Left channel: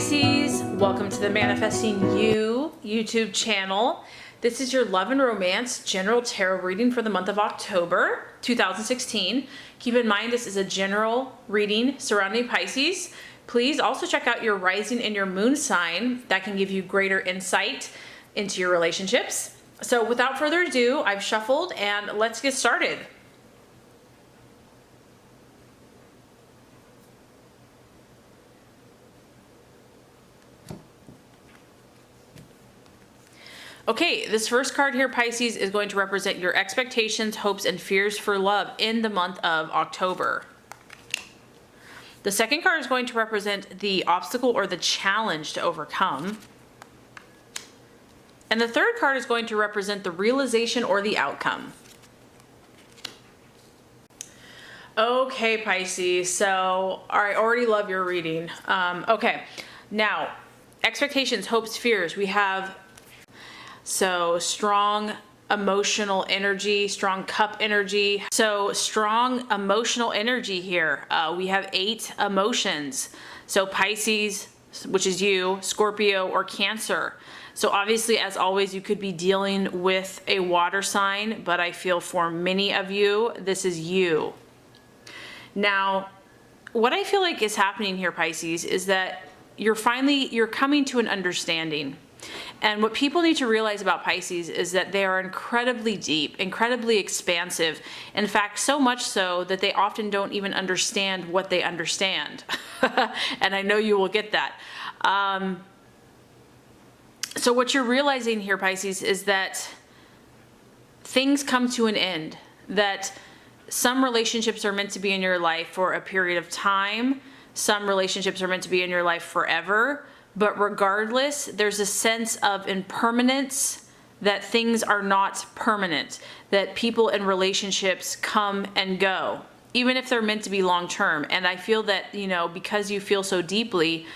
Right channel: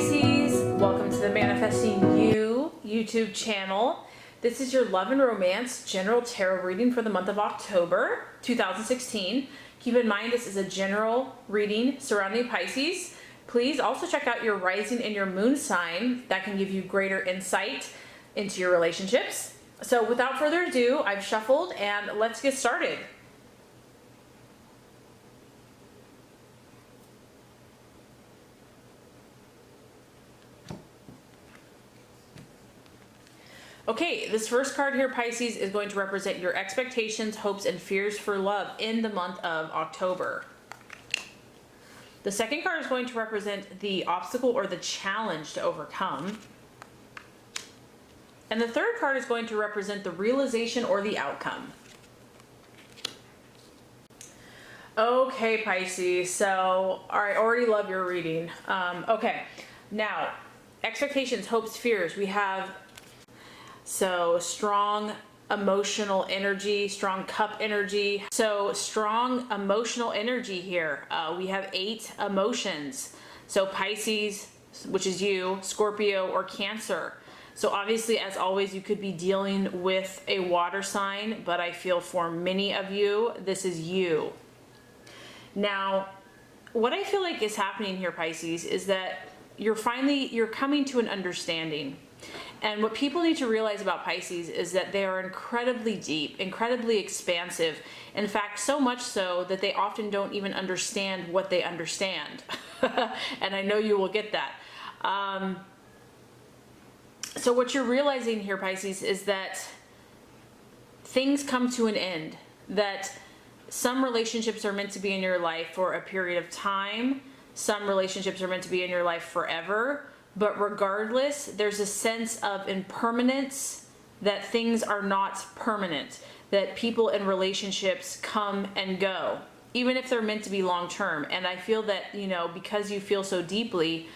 Pisces, welcome to the Manifesting You YouTube channel. This is your love and romance general tarot reading for the month of October 2016. Keep in mind this is a general reading surrounding Pisces. Please also check out your rising and your moon sign. That can give you greater insight into your relationships. So without further ado, I've shuffled and let's get started. Okay, this first card here, Pisces, is going to represent your expectations, hopes, and fears for love in the month of October. The second card is going to represent the obstacle or the challenge to overcome. And the third card is going to represent the realization or the outcome. Okay, Pisces, so I already love your reading. Okay, now, expectations, hopes, fears. We have strong emotional energy, strong cup energy. So strong emotional energy here. We have 8 emotions. So Pisces, which is you, Scorpio, or Cancer. So obviously, as always, you could be dealing with a water sign, but I feel for many of you, this is you. Now, what I feel like is happening here, Pisces, is that you're coming to an understanding. And what people need to realize about Pisces is that they are incredibly deep, incredibly expansive. In fact, so much so that they often don't even understand what they understand. And I know you will get that. So what you're realizing here, Pisces, is that things come to an end, that some relationships are meant to be in your life for a period of time. Some relationships are meant to be in your life forever. But regardless, there's a sense of impermanence, that things are not permanent, that people in relationships come and go, even if they're meant to be long term. And I feel that, because you feel so deeply,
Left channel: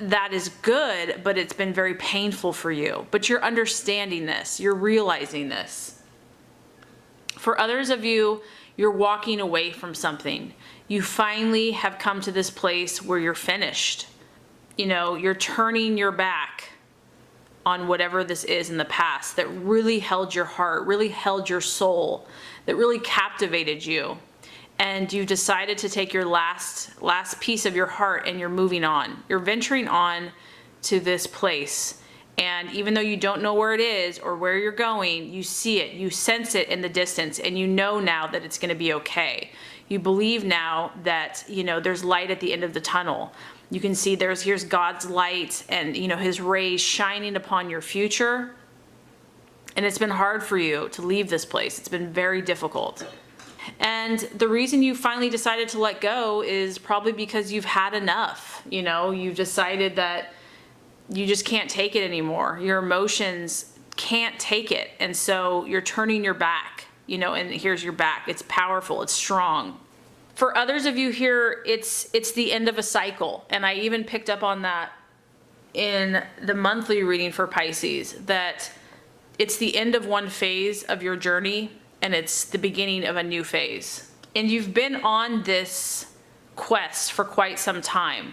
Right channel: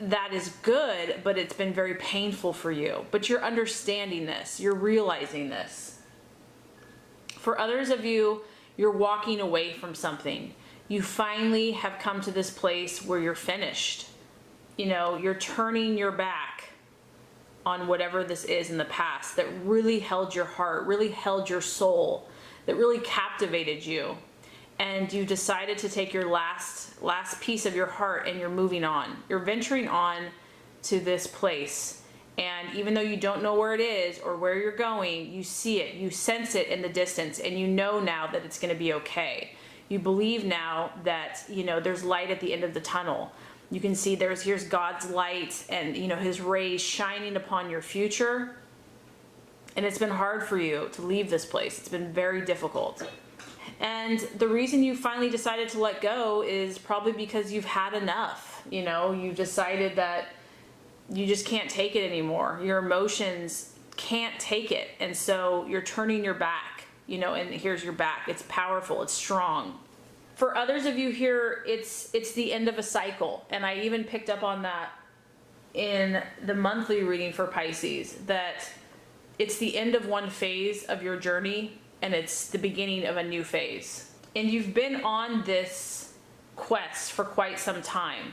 that is good, but it's been very painful for you. But you're understanding this, you're realizing this. For others of you, you're walking away from something. You finally have come to this place where you're finished. You're turning your back on whatever this is in the past that really held your heart, really held your soul, that really captivated you. And you decided to take your last piece of your heart and you're moving on. You're venturing on to this place. And even though you don't know where it is or where you're going, you see it, you sense it in the distance, and you know now that it's going to be okay. You believe now that, there's light at the end of the tunnel. You can see here's God's light and, his rays shining upon your future. And it's been hard for you to leave this place. It's been very difficult. And the reason you finally decided to let go is probably because you've had enough. You've decided that you just can't take it anymore. Your emotions can't take it. And so you're turning your back, and here's your back. It's powerful. It's strong. For others of you here, it's the end of a cycle. And I even picked up on that in the monthly reading for Pisces, that it's the end of one phase of your journey and it's the beginning of a new phase. And you've been on this quest for quite some time.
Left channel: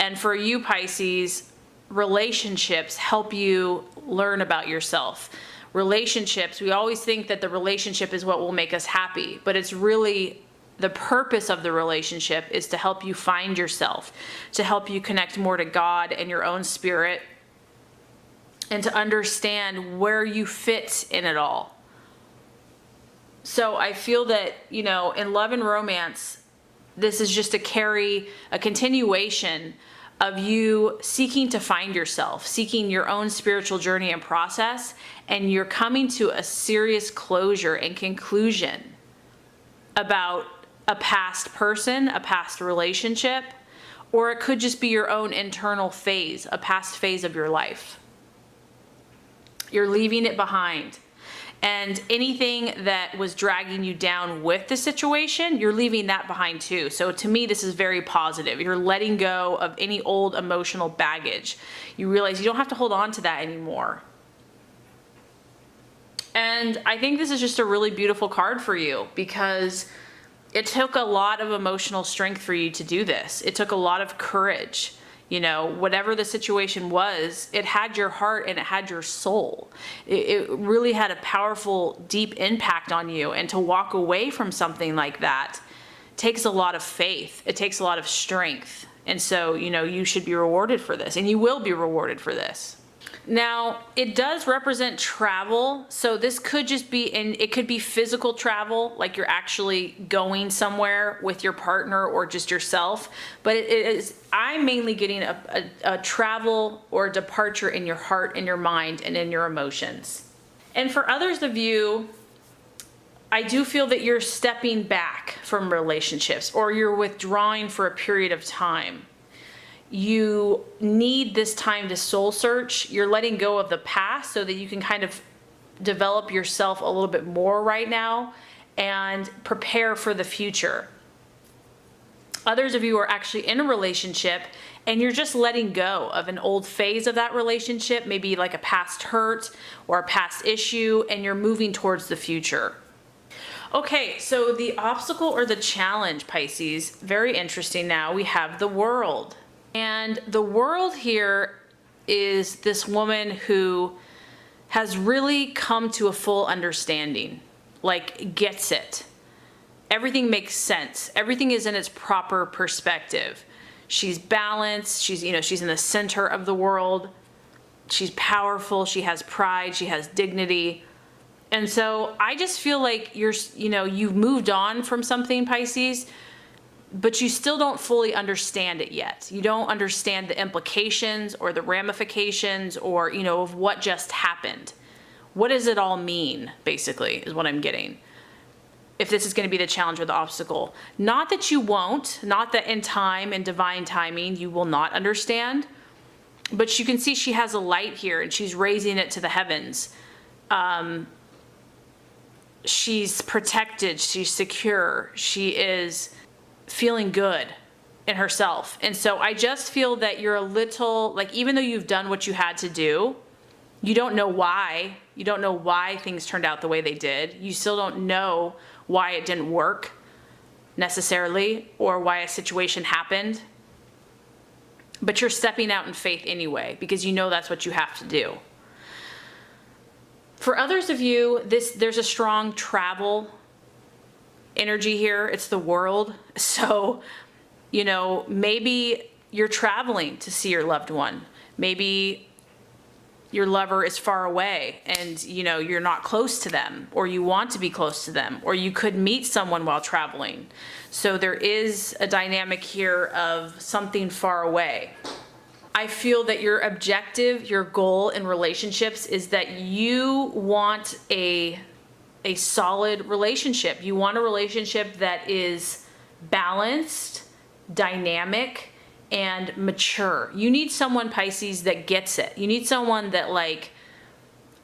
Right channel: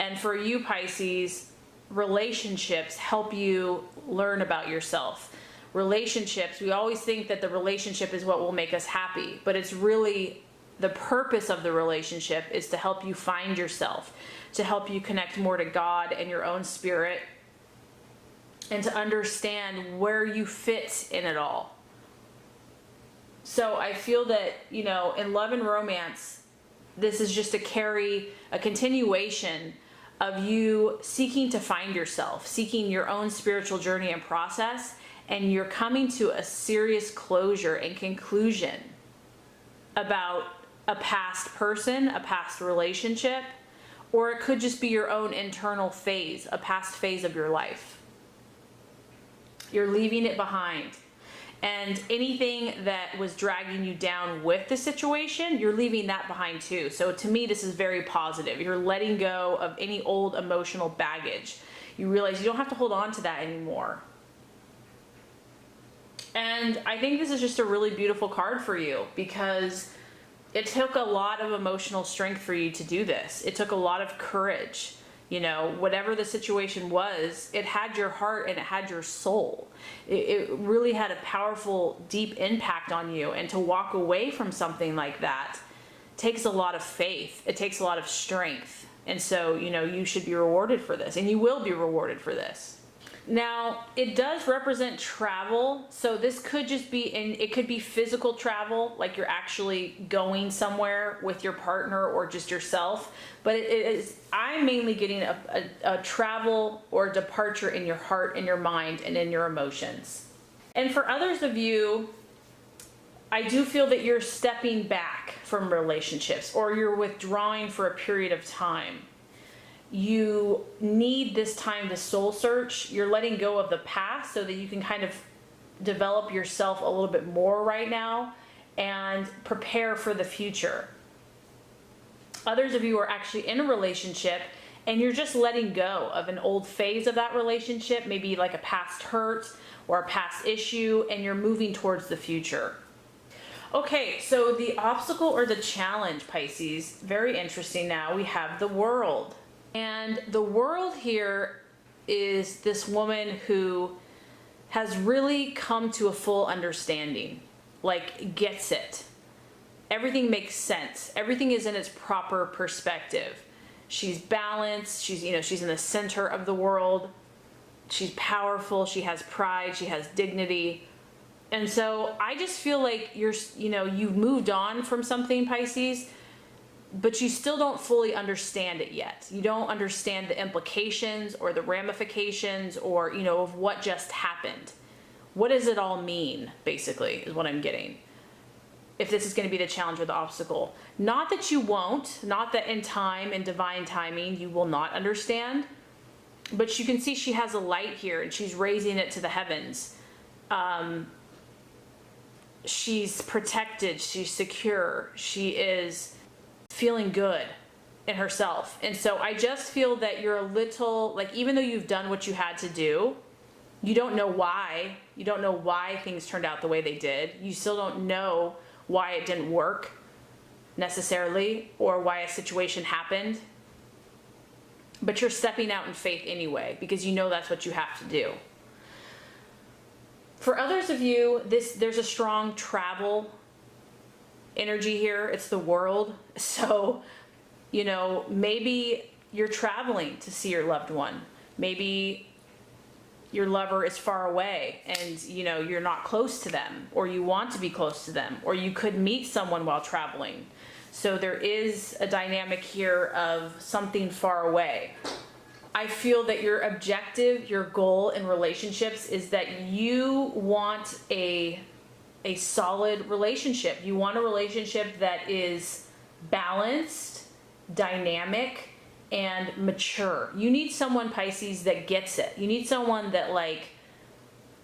And for you, Pisces, relationships help you learn about yourself. Relationships, we always think that the relationship is what will make us happy, but it's really the purpose of the relationship is to help you find yourself, to help you connect more to God and your own spirit, and to understand where you fit in it all. So I feel that, in love and romance, this is just a continuation of you seeking to find yourself, seeking your own spiritual journey and process, and you're coming to a serious closure and conclusion about a past person, a past relationship, or it could just be your own internal phase, a past phase of your life. You're leaving it behind. And anything that was dragging you down with the situation, you're leaving that behind too. So to me, this is very positive. You're letting go of any old emotional baggage. You realize you don't have to hold on to that anymore. And I think this is just a really beautiful card for you because it took a lot of emotional strength for you to do this. It took a lot of courage. You know, whatever the situation was, it had your heart and it had your soul. It really had a powerful, deep impact on you. And to walk away from something like that takes a lot of faith. It takes a lot of strength. And so, you know, you should be rewarded for this, and you will be rewarded for this. Now, it does represent travel. So this could just be it could be physical travel, like you're actually going somewhere with your partner or just yourself. But I'm mainly getting a travel or departure in your heart, in your mind, and in your emotions. And for others of you, I do feel that you're stepping back from relationships, or you're withdrawing for a period of time. You need this time to soul search. You're letting go of the past so that you can kind of develop yourself a little bit more right now and prepare for the future. Others of you are actually in a relationship and you're just letting go of an old phase of that relationship, maybe like a past hurt or a past issue, and you're moving towards the future. Okay, so the obstacle or the challenge, Pisces, very interesting. Now we have the World. And the World here is this woman who has really come to a full understanding, like gets it. Everything makes sense. Everything is in its proper perspective. She's balanced. She's in the center of the world. She's powerful. She has pride. She has dignity. And so I just feel like you've moved on from something, Pisces, but you still don't fully understand it yet. You don't understand the implications or the ramifications or, of what just happened. What does it all mean, basically, is what I'm getting. If this is going to be the challenge or the obstacle. Not that you won't, not that in time and divine timing you will not understand, but you can see she has a light here and she's raising it to the heavens. She's protected, she's secure, she is feeling good in herself. And so I just feel that you're a little, like, even though you've done what you had to do, you don't know why. You don't know why things turned out the way they did. You still don't know why it didn't work necessarily, or why a situation happened. But you're stepping out in faith anyway, because you know that's what you have to do. For others of you, there's a strong travel energy here. It's the World. So, maybe you're traveling to see your loved one. Maybe your lover is far away and, you're not close to them, or you want to be close to them, or you could meet someone while traveling. So there is a dynamic here of something far away. I feel that your objective, your goal in relationships is that you want a solid relationship. You want a relationship that is balanced, dynamic, and mature. You need someone, Pisces, that gets it. You need someone that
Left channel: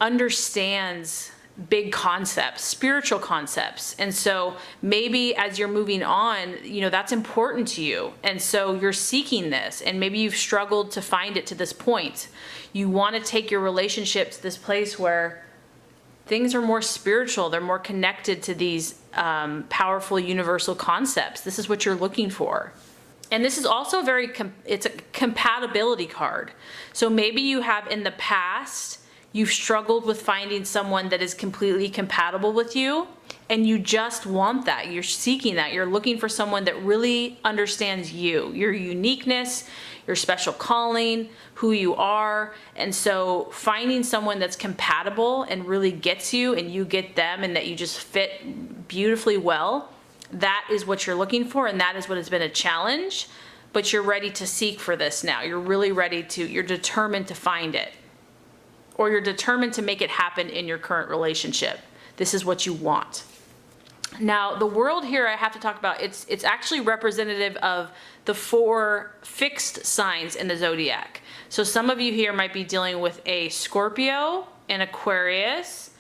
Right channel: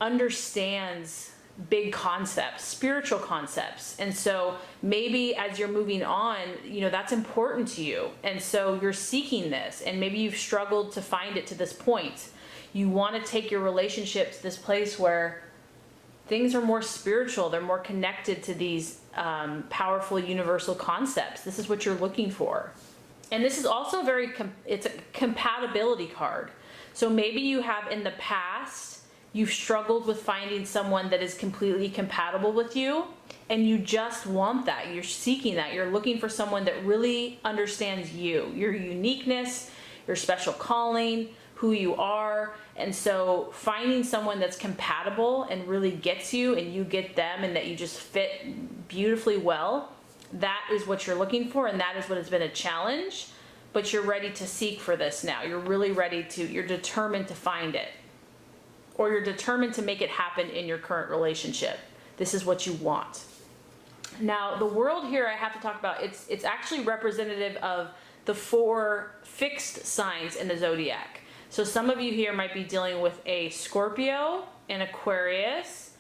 understands big concepts, spiritual concepts. And so maybe as you're moving on, that's important to you. And so you're seeking this, and maybe you've struggled to find it to this point. You want to take your relationship to this place where things are more spiritual. They're more connected to these powerful universal concepts. This is what you're looking for. And this is also it's a compatibility card. So maybe you have in the past, you've struggled with finding someone that is completely compatible with you, and you just want that. You're seeking that. You're looking for someone that really understands you, your uniqueness, your special calling, who you are. And so finding someone that's compatible and really gets you and you get them, and that you just fit beautifully well, that is what you're looking for, and that is what has been a challenge. But you're ready to seek for this now. You're really you're determined to find it. Or you're determined to make it happen in your current relationship. This is what you want. Now, the World here I have to talk about, it's actually representative of the 4 fixed signs in the zodiac. So some of you here might be dealing with a Scorpio, an Aquarius,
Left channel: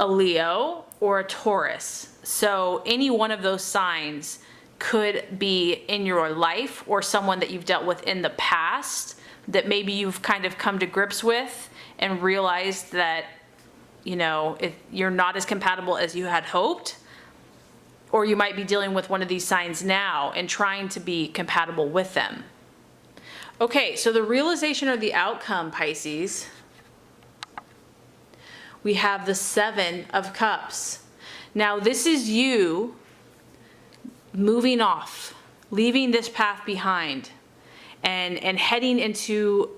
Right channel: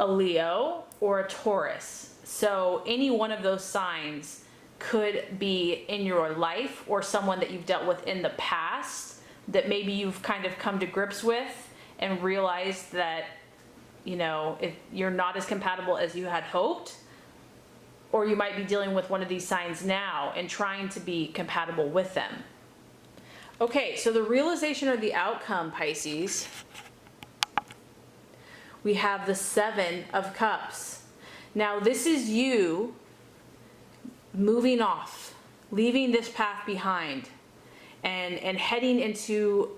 a Leo, or a Taurus. So any one of those signs could be in your life, or someone that you've dealt with in the past that maybe you've kind of come to grips with and realized that, if you're not as compatible as you had hoped. Or you might be dealing with one of these signs now and trying to be compatible with them. Okay, so the realization or the outcome, Pisces, we have the Seven of Cups. Now, this is you moving off, leaving this path behind, and heading into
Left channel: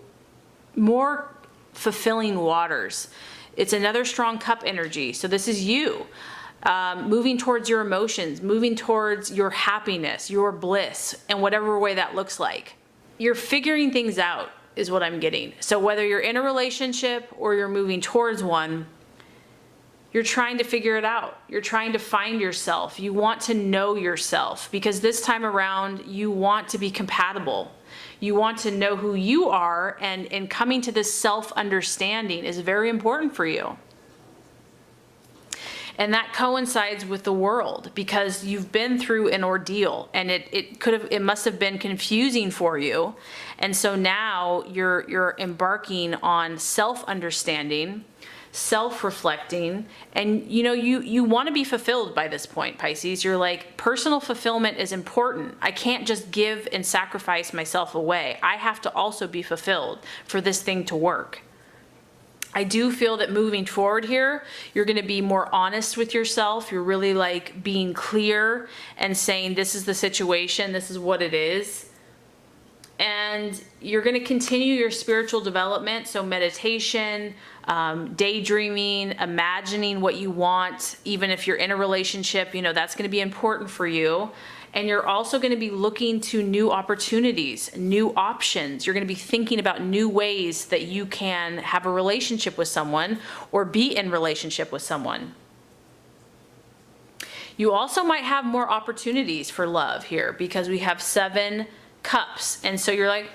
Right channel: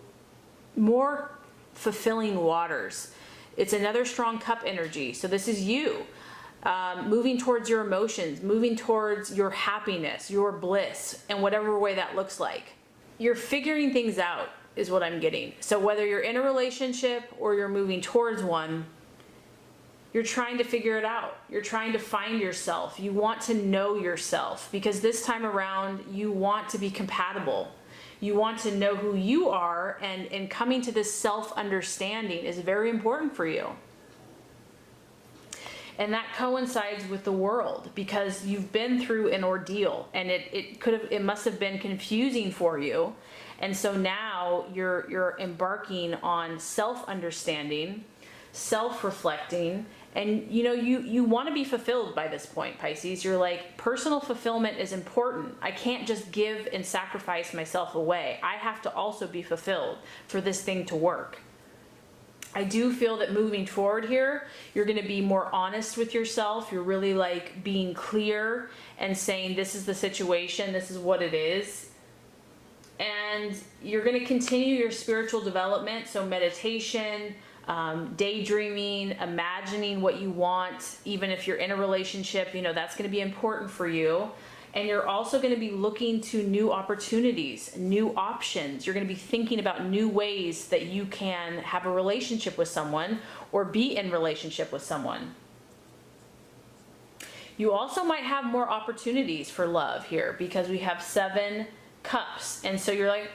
more fulfilling waters. It's another strong cup energy. So this is you moving towards your emotions, moving towards your happiness, your bliss, in whatever way that looks like. You're figuring things out is what I'm getting. So whether you're in a relationship or you're moving towards one, you're trying to figure it out. You're trying to find yourself. You want to know yourself, because this time around you want to be compatible. You want to know who you are, and coming to this self-understanding is very important for you. And that coincides with the world, because you've been through an ordeal, and it must have been confusing for you. And so now you're embarking on self-understanding, self-reflecting, and you want to be fulfilled by this point, Pisces. You're like, personal fulfillment is important. I can't just give and sacrifice myself away. I have to also be fulfilled for this thing to work. I do feel that moving forward here, you're going to be more honest with yourself. You're really like being clear and saying, this is the situation, this is what it is. And you're going to continue your spiritual development. So meditation, daydreaming, imagining what you want, even if you're in a relationship, that's going to be important for you. And you're also going to be looking to new opportunities, new options. You're going to be thinking about new ways that you can have a relationship with someone or be in relationship with someone. You also might have more opportunities for love here, because we have 7 cups. And so you're like,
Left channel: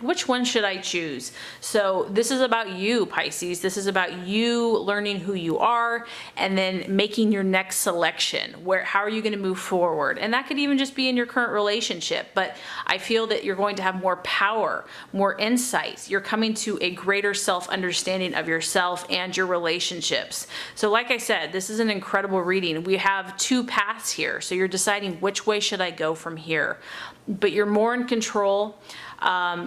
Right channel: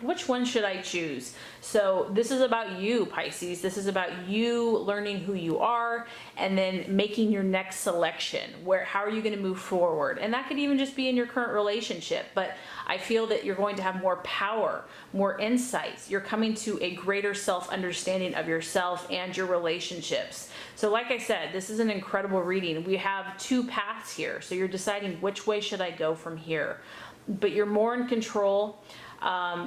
which one should I choose? So this is about you, Pisces. This is about you learning who you are and then making your next selection. How are you going to move forward? And that could even just be in your current relationship. But I feel that you're going to have more power, more insights. You're coming to a greater self-understanding of yourself and your relationships. So like I said, this is an incredible reading. We have 2 paths here. So you're deciding, which way should I go from here? But you're more in control.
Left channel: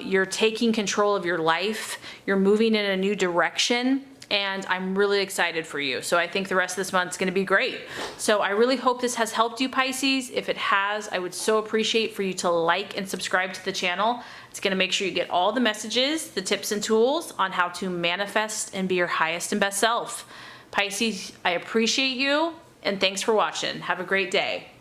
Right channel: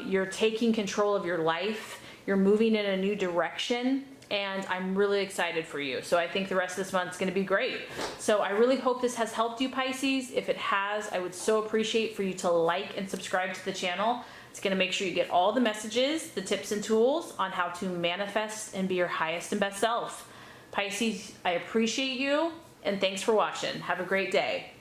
You're taking control of your life. You're moving in a new direction. And I'm really excited for you. So I think the rest of this month is going to be great. So I really hope this has helped you, Pisces. If it has, I would so appreciate for you to like and subscribe to the channel. It's going to make sure you get all the messages, the tips and tools on how to manifest and be your highest and best self. Pisces, I appreciate you, and thanks for watching. Have a great day.